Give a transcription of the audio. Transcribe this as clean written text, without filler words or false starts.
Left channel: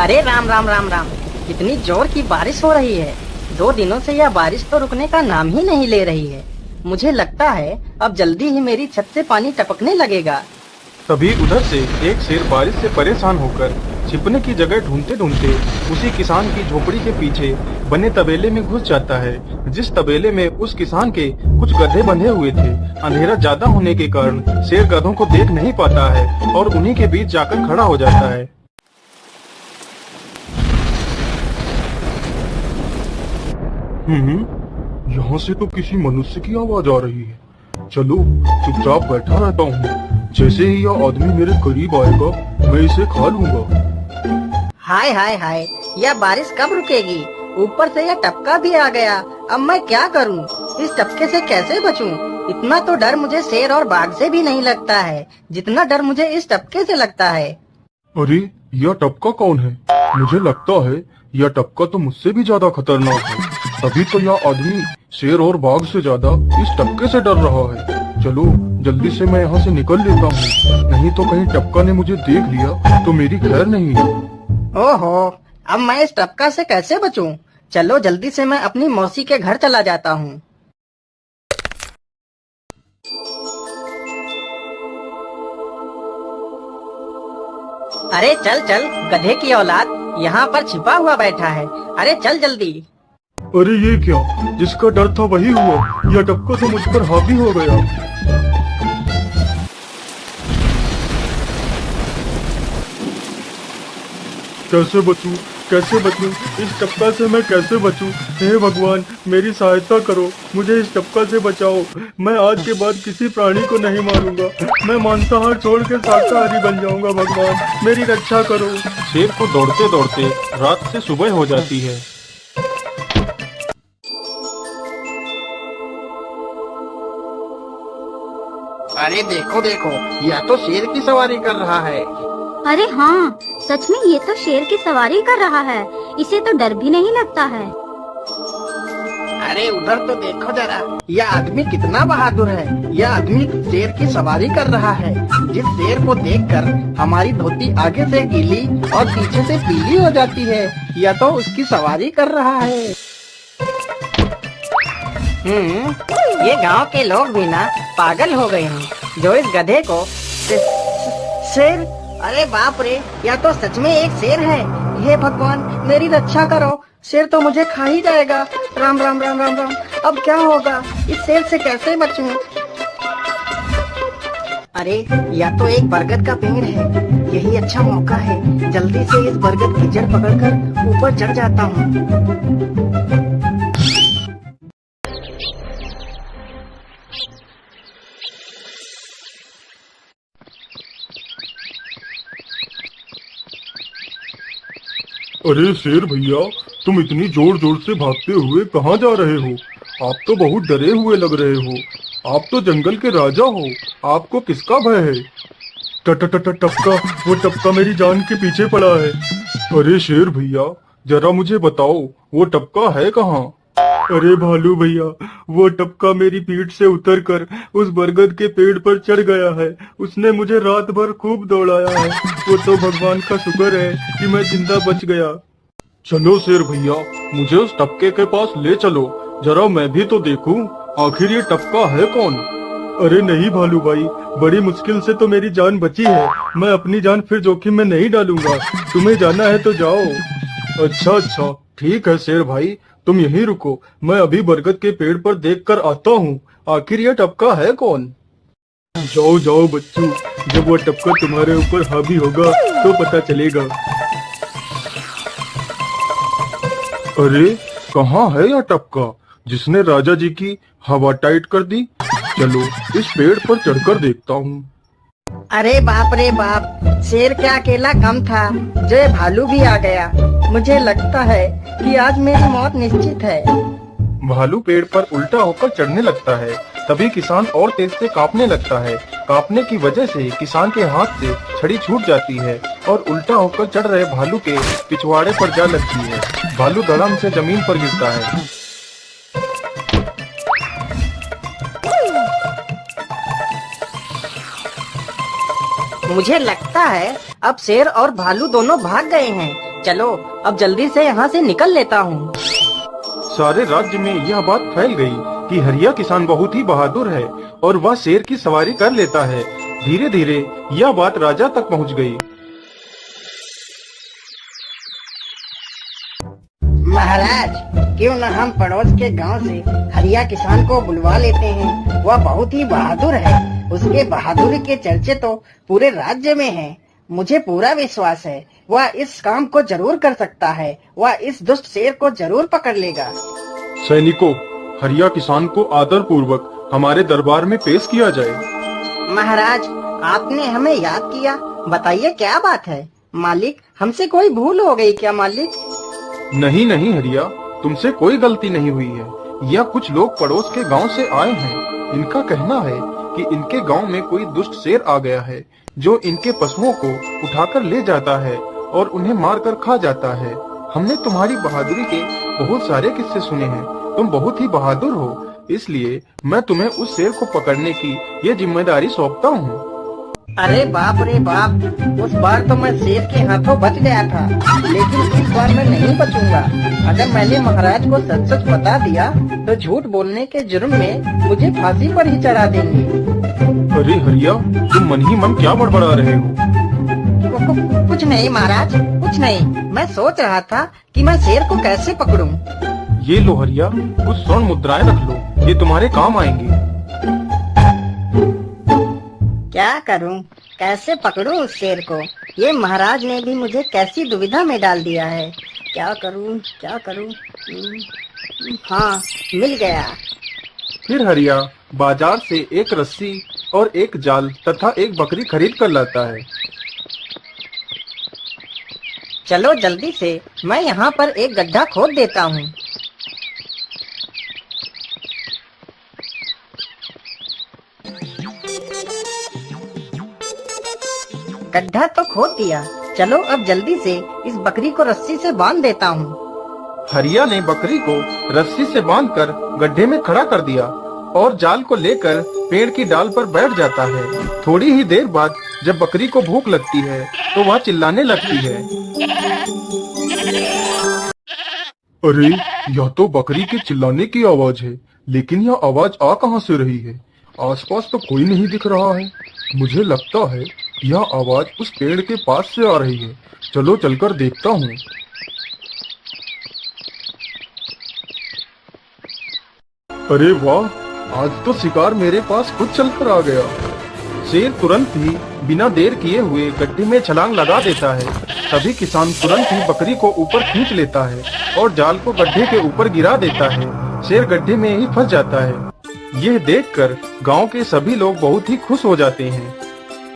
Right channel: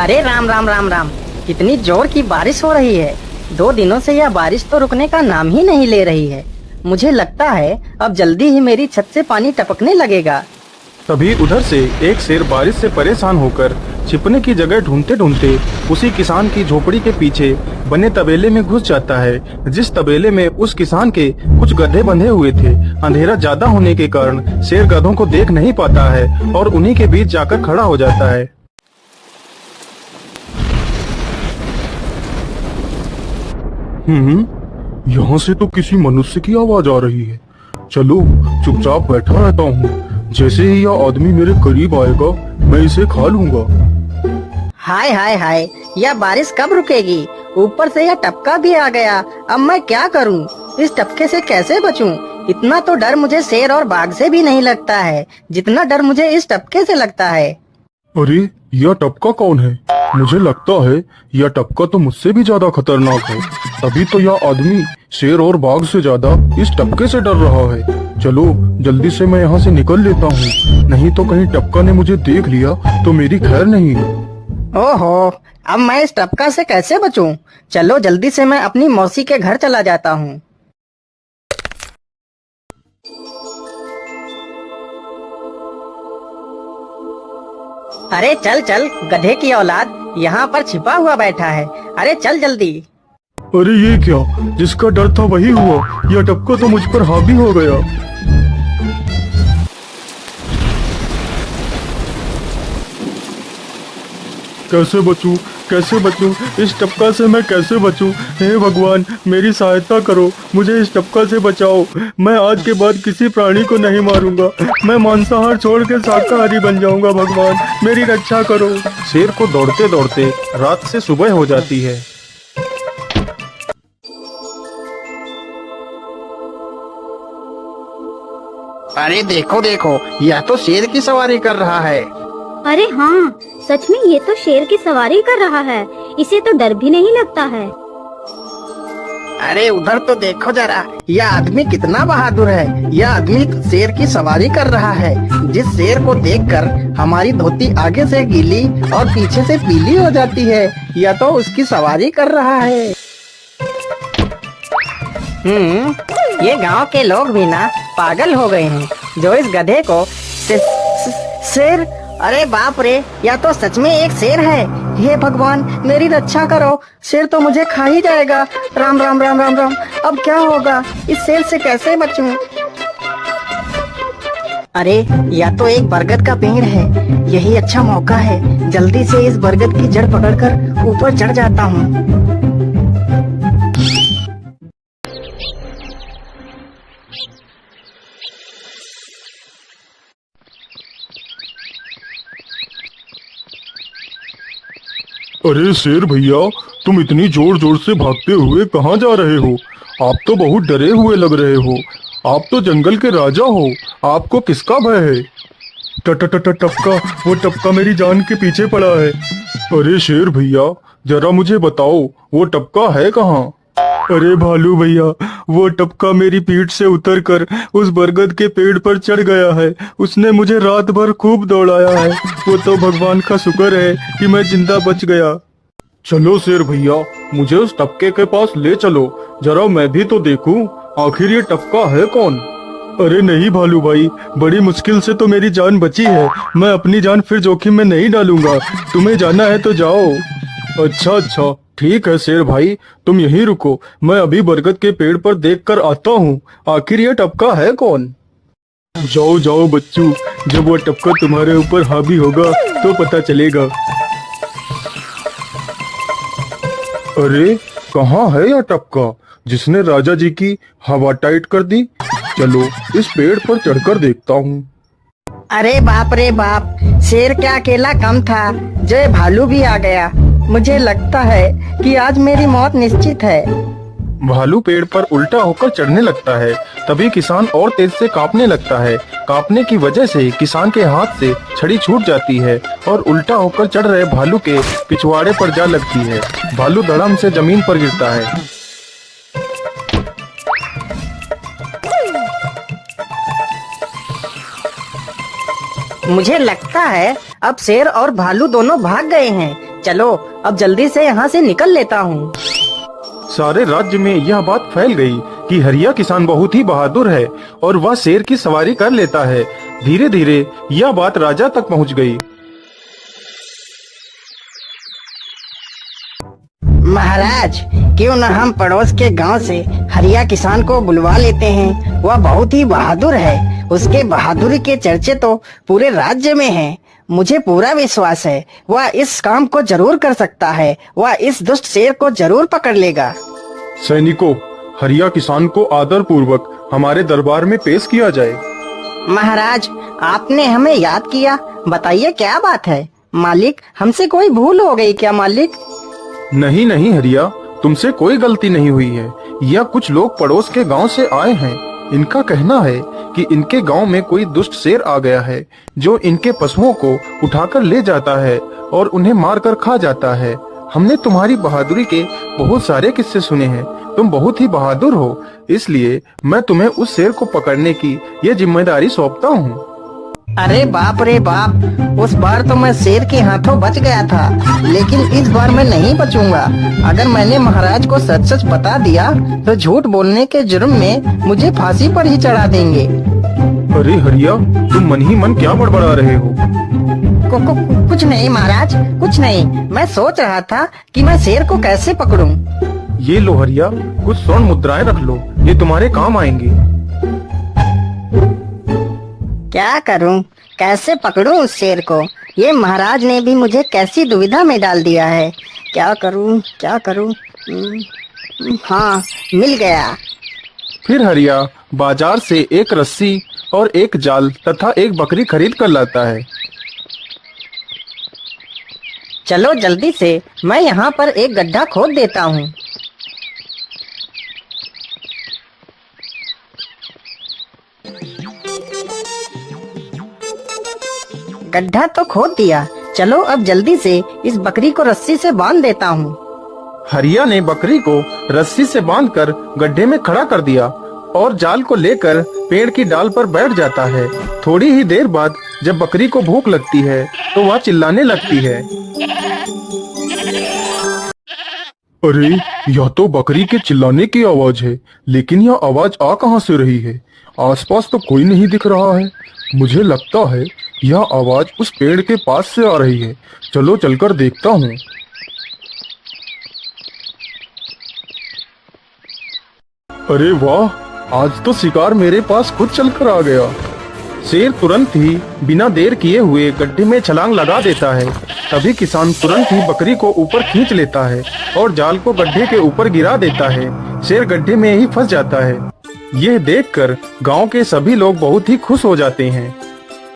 अरे राम राम राम राम। कितनी जोर की बारिश हो रही है। 2 दिनों से यह बारिश तो रुकने का नाम ही नहीं ले रही है। मुझे लगता है अब जल्दी ही मेरी छत से पानी टपकने लगेगा। तभी उधर से एक शेर बारिश से परेशान होकर छिपने की जगह ढूंढते ढूंढते उसी किसान की झोपड़ी के पीछे बने तबेले में घुस जाता है, जिस तबेले में उस किसान के कुछ गधे बंधे हुए थे। अंधेरा ज्यादा होने के कारण शेर गधों को देख नहीं पाता है और उन्हीं के बीच जाकर खड़ा हो जाता है। यहाँ से तो किसी मनुष्य की आवाज आ रही है। चलो चुपचाप बैठा रहता हूँ, जैसे ही यह आदमी मेरे करीब आएगा मैं इसे खा लूंगा। हाय हाय हाय, यह बारिश कब रुकेगी? ऊपर से यह टपका भी आ गया। अब मैं क्या करूँ? इस टपके से कैसे बचूं? इतना तो डर मुझे शेर और बाघ से भी नहीं लगता है जितना डर मुझे इस टपके से लगता है। अरे यह टपका कौन है? मुझे लगता है यह टपका तो मुझसे भी ज्यादा खतरनाक है। अभी तो यह आदमी शेर और बाघ से ज्यादा इस टपके से डर रहा है। चलो जल्दी से मैं यहाँ से निकल लेता हूँ, नहीं तो कहीं टपका ने मुझे देख लिया तो मेरी खैर नहीं है। ओहो, अब मैं इस टपका से कैसे बचूं? चलो जल्दी से मैं अपनी मौसी के घर चला जाता हूँ। अरे चल चल गधे की औलाद, यहाँ पर छिपा हुआ बैठा है। अरे चल जल्दी। अरे ये क्या, जिसका डर था वही हुआ। यह टपका तो मुझ पर हावी हो गया। कैसे बचूं? कैसे बचूं? इस टपका से मैं कैसे बचूं? हे भगवान मेरी सहायता करो, मुझे इस टपका से बचाओ। मैं आज के बाद किसी प्राणी को नहीं मारूंगा। मैं मांसाहार छोड़ के शाकाहारी बन जाऊंगा। भगवान मेरी रक्षा करो। शेर को दौड़ते दौड़ते रात से सुबह हो जाती है। अरे देखो देखो, यह तो शेर की सवारी कर रहा है। अरे हाँ, सच में ये तो शेर की सवारी कर रहा है। इसे तो डर भी नहीं लगता है। अरे उधर तो देखो जरा, यह आदमी कितना बहादुर है। यह आदमी शेर की सवारी कर रहा है। जिस शेर को देखकर हमारी धोती आगे से गीली और पीछे से पीली हो जाती है, यह तो उसकी सवारी कर रहा है। ये गांव के लोग भी ना पागल हो गए हैं, जो इस गधे को शेर। अरे बाप रे, यह तो सच में एक शेर है। हे भगवान मेरी रक्षा करो, शेर तो मुझे खा ही जाएगा। राम राम राम राम राम, अब क्या होगा? इस शेर से कैसे बचूं? अरे यह तो एक बरगद का पेड़ है। यही अच्छा मौका है, जल्दी से इस बरगद की जड़ पकड़कर ऊपर चढ़ जाता हूँ। अरे शेर भैया, तुम इतनी जोर जोर से भागते हुए कहाँ जा रहे हो? आप तो बहुत डरे हुए लग रहे हो। आप तो जंगल के राजा हो, आपको किसका भय है? टपका, वो टपका मेरी जान के पीछे पड़ा है। अरे शेर भैया जरा मुझे बताओ, वो टपका है कहाँ? अरे भालू भैया, वो टपका मेरी पीठ से उतरकर उस बरगद के पेड़ पर चढ़ गया है। उसने मुझे रात भर खूब दौड़ाया है। वो तो भगवान का शुक्र है कि मैं जिंदा बच गया। चलो शेर भैया, मुझे उस टपके के पास ले चलो, जरा मैं भी तो देखूं आखिर ये टपका है कौन। अरे नहीं भालू भाई, बड़ी मुश्किल से तो मेरी जान बची है। मैं अपनी जान फिर जोखिम में नहीं डालूंगा। तुम्हें जाना है तो जाओ। अच्छा ठीक है शेर भाई, तुम यहीं रुको, मैं अभी बरगद के पेड़ पर देखकर आता हूँ आखिर ये टपका है कौन। जाओ जाओ बच्चू, जब वो टपका तुम्हारे ऊपर हावी होगा तो पता चलेगा। अरे कहाँ है यह टपका जिसने राजा जी की हवा टाइट कर दी? चलो इस पेड़ पर चढ़कर देखता हूँ। अरे बाप रे बाप, शेर क्या अकेला कम था, जो ये भालू भी आ गया। मुझे लगता है कि आज मेरी मौत निश्चित है। भालू पेड़ पर उल्टा होकर चढ़ने लगता है। तभी किसान और तेज से कांपने लगता है। कांपने की वजह से किसान के हाथ से छड़ी छूट जाती है और उल्टा होकर चढ़ रहे भालू के पिछवाड़े पर जा लगती है। भालू धड़ाम से जमीन पर गिरता है। मुझे लगता है अब शेर और भालू दोनों भाग गए हैं। चलो अब जल्दी से यहाँ से निकल लेता हूँ। सारे राज्य में यह बात फैल गई कि हरिया किसान बहुत ही बहादुर है और वह शेर की सवारी कर लेता है। धीरे धीरे यह बात राजा तक पहुंच गई। महाराज, क्यों न हम पड़ोस के गांव से हरिया किसान को बुलवा लेते हैं। वह बहुत ही बहादुर है। उसके बहादुरी के चर्चे तो पूरे राज्य में हैं। मुझे पूरा विश्वास है वह इस काम को जरूर कर सकता है। वह इस दुष्ट शेर को जरूर पकड़ लेगा। सैनिकों, हरिया किसान को आदर पूर्वक हमारे दरबार में पेश किया जाए। महाराज, आपने हमें याद किया। बताइए क्या बात है। मालिक, हमसे कोई भूल हो गई क्या मालिक? नहीं नहीं हरिया, तुमसे कोई गलती नहीं हुई है। यह कुछ लोग पड़ोस के गांव से आए हैं। इनका कहना है कि इनके गांव में कोई दुष्ट शेर आ गया है जो इनके पशुओं को उठाकर ले जाता है और उन्हें मारकर खा जाता है। हमने तुम्हारी बहादुरी के बहुत सारे किस्से सुने हैं। तुम बहुत ही बहादुर हो, इसलिए मैं तुम्हें उस शेर को पकड़ने की ये जिम्मेदारी सौंपता हूँ। अरे बाप रे बाप, उस बार तो मैं शेर के हाथों बच गया था, लेकिन इस बार मैं नहीं बचूंगा। अगर मैंने महाराज को सच सच बता दिया तो झूठ बोलने के जुर्म में मुझे फांसी पर ही चढ़ा देंगे। अरे हरिया, तुम मन ही मन क्या बड़बड़ा रहे हो? कुछ नहीं महाराज, कुछ नहीं। मैं सोच रहा था कि मैं शेर को कैसे पकड़ूं। ये लो हरिया, कुछ स्वर्ण मुद्राएं रख लो, ये तुम्हारे काम आएंगे। क्या करूं, कैसे पकड़ूं उस शेर को? ये महाराज ने भी मुझे कैसी दुविधा में डाल दिया है। क्या करूं, क्या करूं? हाँ, मिल गया। फिर हरिया बाजार से एक रस्सी और एक जाल तथा एक बकरी खरीद कर लाता है। चलो जल्दी से, मैं यहाँ पर एक गड्ढा खोद देता हूँ। गड्ढा तो खोद दिया। चलो अब जल्दी से इस बकरी को रस्सी से बांध देता हूँ। हरिया ने बकरी को रस्सी से बांधकर गड्ढे में खड़ा कर दिया और जाल को लेकर पेड़ की डाल पर बैठ जाता है। थोड़ी ही देर बाद जब बकरी को भूख लगती है तो वह चिल्लाने लगती है। अरे, यह तो बकरी के चिल्लाने की आवाज है, लेकिन यह आवाज आ कहां से रही है? आसपास तो कोई नहीं दिख रहा है। मुझे लगता है यह आवाज उस पेड़ के पास से आ रही है। चलो चलकर देखता हूँ। अरे वाह, आज तो शिकार मेरे पास खुद चलकर आ गया। शेर तुरंत ही बिना देर किए हुए गड्ढे में छलांग लगा देता है। तभी किसान तुरंत ही बकरी को ऊपर खींच लेता है और जाल को गड्ढे के ऊपर गिरा देता है। शेर गड्ढे में ही फंस जाता है। यह देखकर गांव के सभी लोग बहुत ही खुश हो जाते हैं।